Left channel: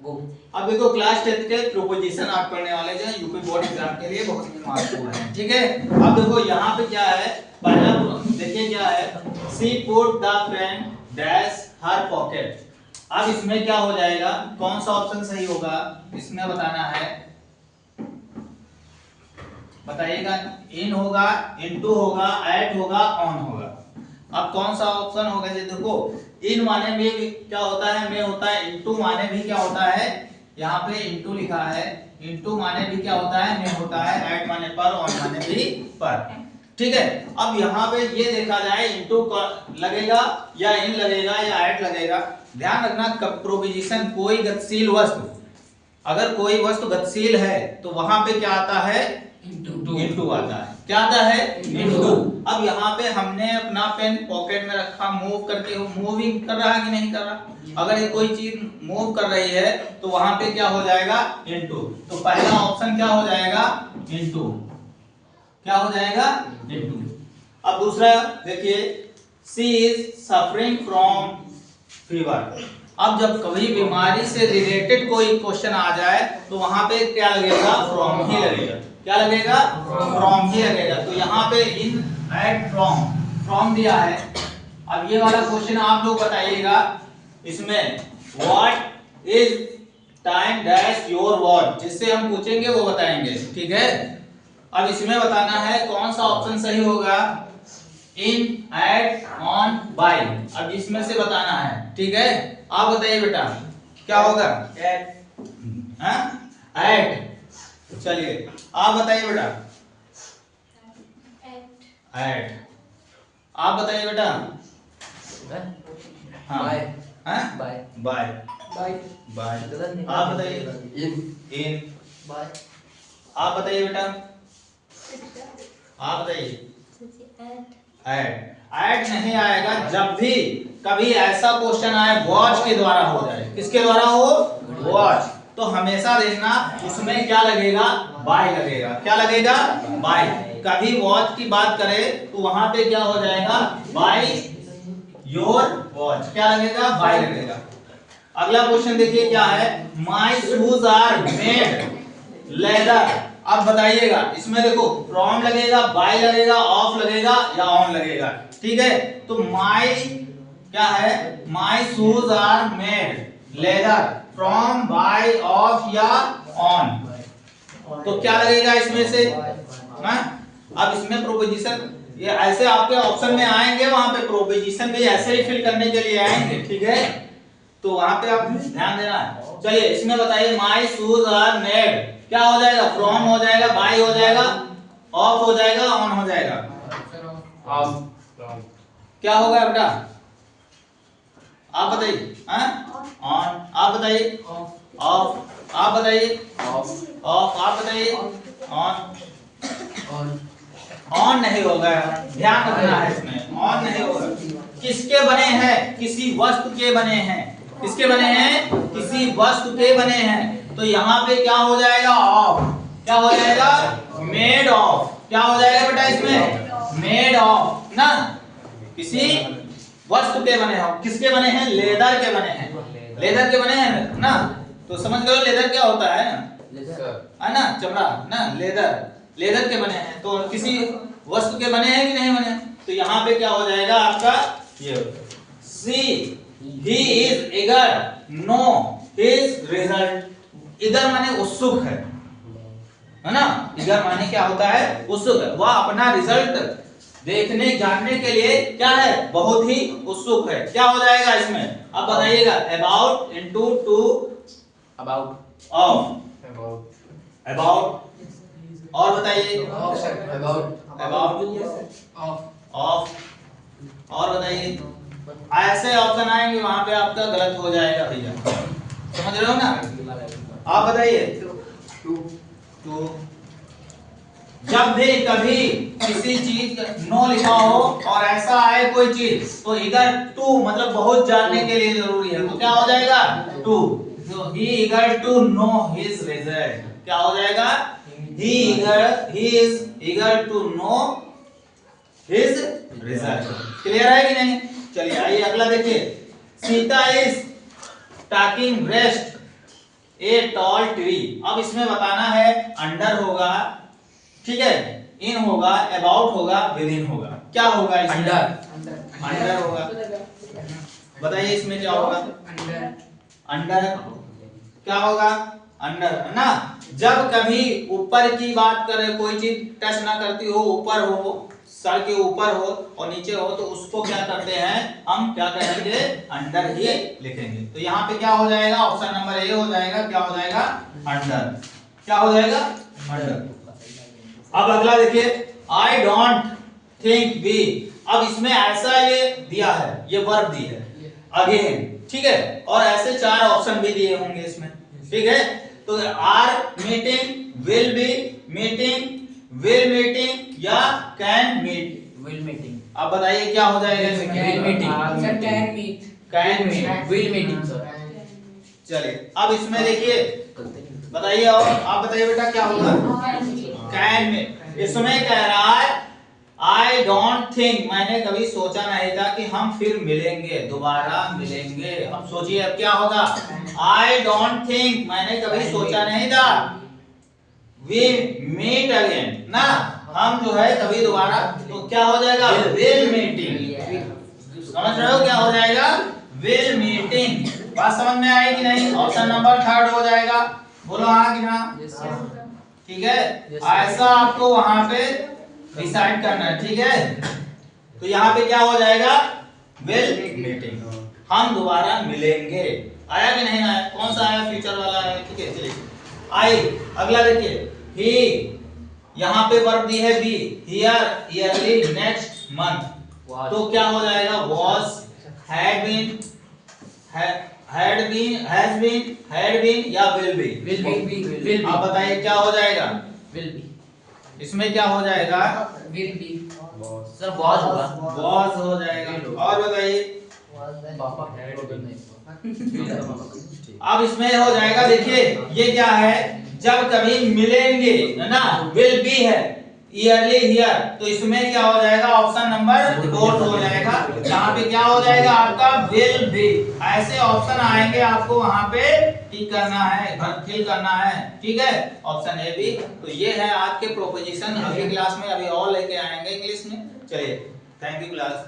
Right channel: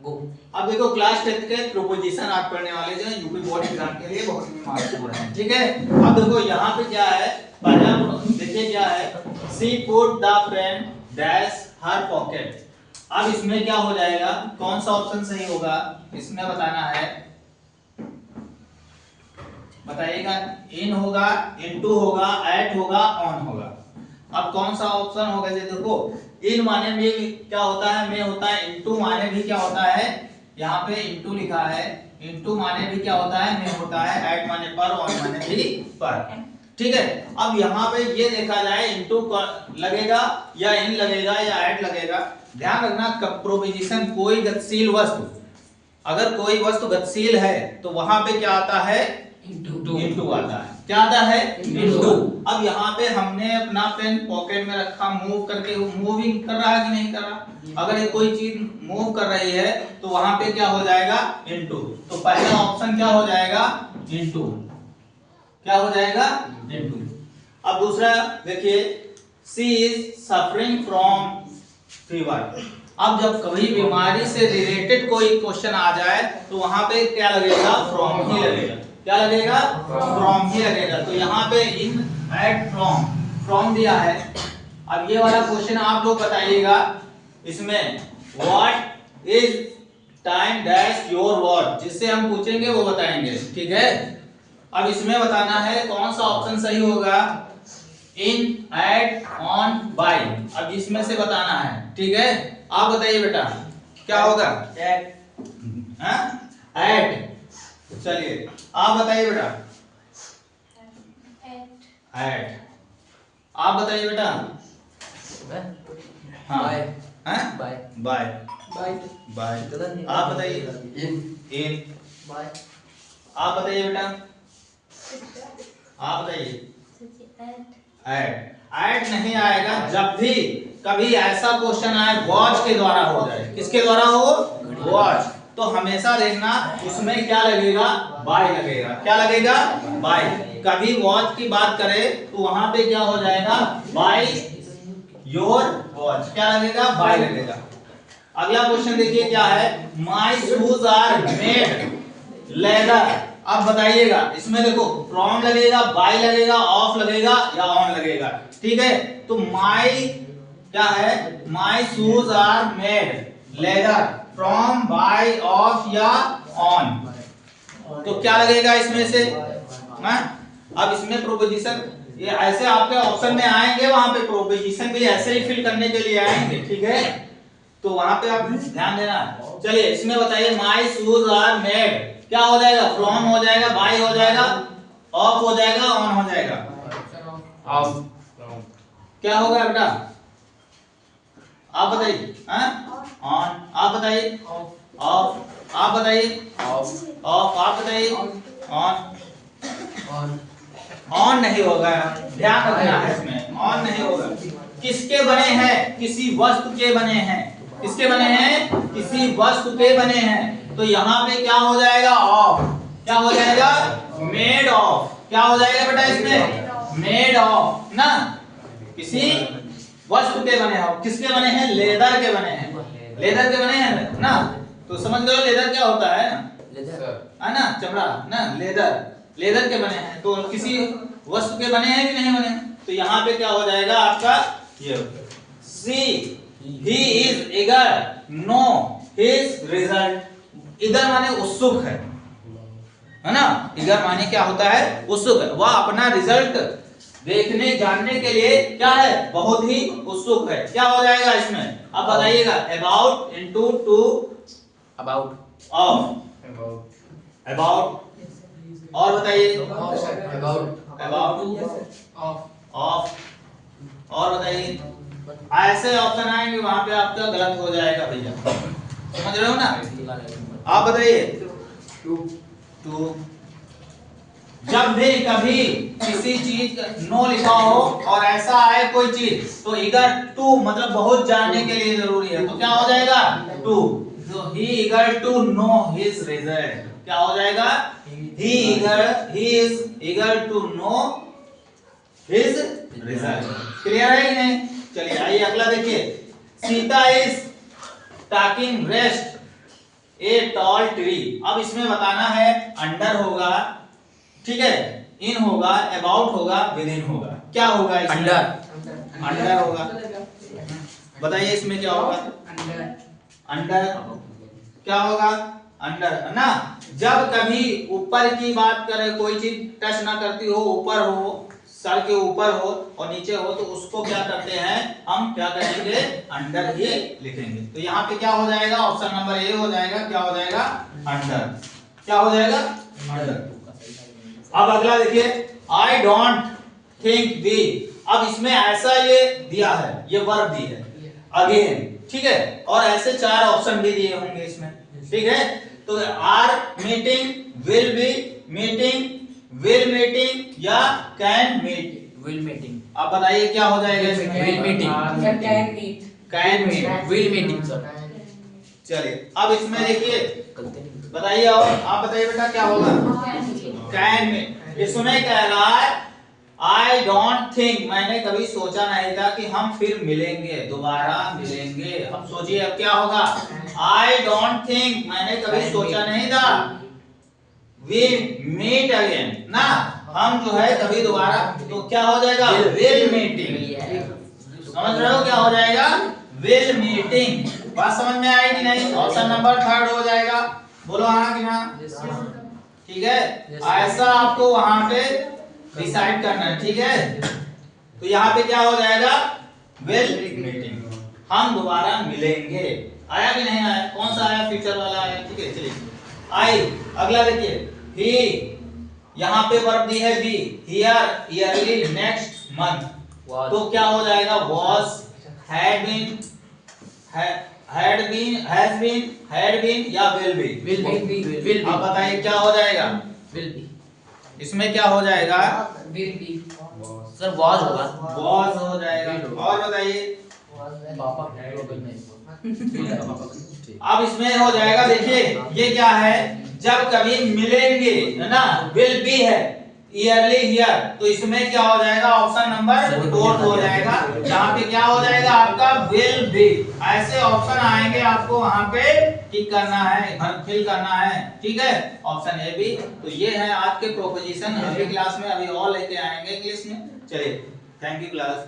अब देखो क्लास 10 के प्रोपोजिशन आप पढ़ने वाले जो यूपी बोर्ड एग्जाम के लिए बहुत ही महत्वपूर्ण है, ठीक है। अब देखो यहाँ पे क्या है, पहला देखिए क्या है, see put the pen dash her pocket. अब इसमें क्या हो जाएगा, कौन सा ऑप्शन सही होगा इसमें बताना है, बताइएगा। इन होगा, इनटू होगा, एट होगा, ऑन होगा। अब कौन सा ऑप्शन होगा, ये देखो इन माने में क्या होता है, में होता है, इनटू माने भी क्या होता है, यहाँ पे इनटू लिखा है, इनटू माने भी क्या होता है, में होता है, ऐड माने पर, ऑन माने भी पर, ठीक है। अब यहाँ पे ये देखा जाए इनटू लगेगा या इन लगेगा या ऐड लगेगा। ध्यान रखना प्रोपोजिशन कोई गतिशील वस्तु, अगर कोई वस्तु गतिशील है तो वहां पे क्या आता है, इनटू आता है। क्या आता है, इनटू। अब यहाँ पे हमने अपना पेन पॉकेट में रखा, मूव करके, मूविंग कर रहा है कि नहीं कर रहा, अगर ये कोई चीज मूव कर रही है तो वहां पे क्या हो जाएगा, इनटू। तो पहला ऑप्शन क्या हो जाएगा, इनटू, क्या हो जाएगा, इनटू। अब दूसरा देखिए, सी इज सफरिंग फ्रॉम फीवर। अब जब कभी बीमारी से रिलेटेड कोई क्वेश्चन आ जाए तो वहां पे क्या लगेगा, फ्रॉम ही लगेगा। क्या लगेगा, फ्रॉम ही लगेगा। तो यहाँ पे इन एट फ्रॉम, फ्रॉम दिया है। अब ये वाला क्वेश्चन आप लोग बताइएगा, इसमें what is time dash your watch, जिससे हम पूछेंगे वो बताएंगे, ठीक है। अब इसमें बताना है कौन सा ऑप्शन सही होगा, इन, एट, ऑन, बाय। अब इसमें से बताना है, ठीक है। आप बताइए बेटा क्या होगा, एट। चलिए आप बताइए बेटा, एट। आप बताइए बेटा, हाँ, बाय, बाय, बाय। आप बताइए, इन। आप बताइए बेटा, आप बताइए, ऐड। ऐड नहीं आएगा जब भी कभी ऐसा क्वेश्चन आए वॉच के द्वारा हो जाए, किसके द्वारा हो, वॉच, तो हमेशा देखना उसमें क्या लगेगा, बाय लगेगा। क्या लगेगा, बाय। कभी वॉच की बात करें तो वहां पे क्या हो जाएगा, बाय योर वॉच, क्या लगेगा, बाय लगेगा। अगला क्वेश्चन देखिए क्या है, my shoes are made leather. अब बताइएगा इसमें देखो फ्रॉम लगेगा, बाय लगेगा, ऑफ लगेगा या ऑन लगेगा, ठीक है। तो माई क्या है, my shoes are made leather, from, by, of या ऑन, तो क्या लगेगा इसमें से, हाँ। अब इसमें प्रोपोजिशन ये ऐसे आपके ऑप्शन में आएंगे, वहां पे प्रोपोजिशन भी ऐसे ही फिल करने के लिए आएंगे, ठीक है। तो वहां पे आप ध्यान देना है। चलिए इसमें बताइए, माई शूज आर मेड, क्या हो जाएगा, फ्रॉम हो जाएगा, बाय हो जाएगा, ऑफ हो जाएगा, ऑन हो जाएगा, क्या होगा बेटा, आप बताइए, ऑन। आप बताइए, ऑफ। आप बताइए, ऑफ। आप बताइए, ऑन। ऑन नहीं होगा, ध्यान रखना है इसमें, ऑन नहीं होगा। किसके बने हैं, किसी वस्तु के बने हैं, किसके बने हैं, किसी वस्तु के बने हैं, तो यहाँ पे क्या हो जाएगा, ऑफ। क्या हो जाएगा, मेड ऑफ। क्या हो जाएगा बेटा इसमें, मेड ऑफ ना, किसी वस्तु के बने हैं। किसके बने हैं, लेदर के बने हैं, लेदर के बने हैं ना। तो समझ लो लेदर क्या होता है ना, चमड़ा ना, लेदर, लेदर के बने हैं। तो किसी वस्तु के बने हैं कि नहीं बने, तो यहाँ पे क्या हो जाएगा आपका, ये see he is eager know his result. Eager माने उत्सुक है ना, ईगर माने क्या होता है, उत्सुक है, वह अपना रिजल्ट देखने जानने के लिए क्या है, बहुत ही उत्सुक है। क्या हो जाएगा इसमें, अब बताइएगा, about into two, about, of, about, और बताइए, अबाउट, ऑफ, और बताइए। ऐसे ऑप्शन आएंगे वहां पे आपका गलत हो जाएगा भैया, समझ रहे हो ना। आप बताइए, टू। जब भी कभी किसी चीज नो लिखा हो और ऐसा आए कोई चीज, तो इधर टू मतलब बहुत जानने के लिए जरूरी है, तो क्या हो जाएगा, टू। तो he eager to know his result, क्या हो जाएगा, he is eager to know his result। Clear है कि नहीं। चलिए आइए अगला देखिए, Sita is taking rest a tall tree. अब इसमें बताना है अंडर होगा, ठीक है, इन होगा, अबाउट होगा, विद इन होगा। क्या होगा इसमें? अंडर होगा। बताइए इसमें क्या होगा? अंडर क्या होगा? अंडर है ना। जब कभी ऊपर की बात करे, कोई चीज टच ना करती हो, ऊपर हो, सर के ऊपर हो और नीचे हो, तो उसको क्या करते हैं हम, क्या करेंगे, अंडर ही लिखेंगे। तो यहाँ पे क्या हो जाएगा? ऑप्शन नंबर ए हो जाएगा। क्या हो जाएगा? अंडर। क्या हो जाएगा? अंडर। अब अगला देखिए, आई डोंट थिंक वी। अब इसमें ऐसा ये दिया है, ये वर्ब दी है अगेन, ठीक है, और ऐसे 4 ऑप्शन भी दिए होंगे इसमें, ठीक है। तो are meeting, will be meeting, will meeting या कैन मीट। Will meeting. अब बताइए क्या हो जाएगा इसमें? Will meeting. Can meet. Can meet. Will meeting sir. चलिए अब इसमें देखिए, बताइए, और आप बताइए बेटा क्या होगा? Can meet. इसमें कह रहा है आई डोंट थिंक, मैंने कभी सोचा नहीं था कि हम फिर मिलेंगे, दोबारा मिलेंगे। अब सोचिए अब क्या होगा? आई डोंट थिंक, मैंने कभी सोचा नहीं था, वी मीट अगेन ना, हम जो है कभी दोबारा, तो क्या हो जाएगा? Will meeting. समझ रहे हो क्या हो जाएगा? Will meeting. बात समझ में आई कि नहीं? ऑप्शन नंबर 3 हो जाएगा। बोलो हाँ कि ना? ठीक है, ऐसा आपको वहां पे डिसाइड करना है, ठीक है। तो यहाँ पे क्या हो जाएगा? विल मीटिंग, हम दोबारा मिलेंगे। आया कि नहीं आया? कौन सा आया? फ्यूचर वाला आया, ठीक है। चलिए आई, अगला देखिए, ही, यहाँ पे वर्ब दी है be, here, early, next month. तो क्या हो जाएगा? Was, had been, has been या विल बी। Will be. आप बताइए क्या हो जाएगा? Will be. इसमें क्या हो जाएगा? Will be. सर वॉज होगा। वॉज हो जाएगा। और बताइए पापा अब इसमें हो जाएगा, देखिए ये क्या है, जब कभी मिलेंगे, है ना, विल बी है, ईयरली हियर, तो इसमें क्या हो जाएगा? ऑप्शन नंबर 4 हो जाएगा। यहाँ पे क्या हो जाएगा आपका? Will be. ऐसे ऑप्शन आएंगे, आपको वहां पे टिक करना है, फिल करना है, ठीक है। Option A B. तो ये है आज के प्रोपोजिशन। अगली क्लास में अभी और लेके आएंगे इंग्लिश में। चलिए, थैंक यू क्लास।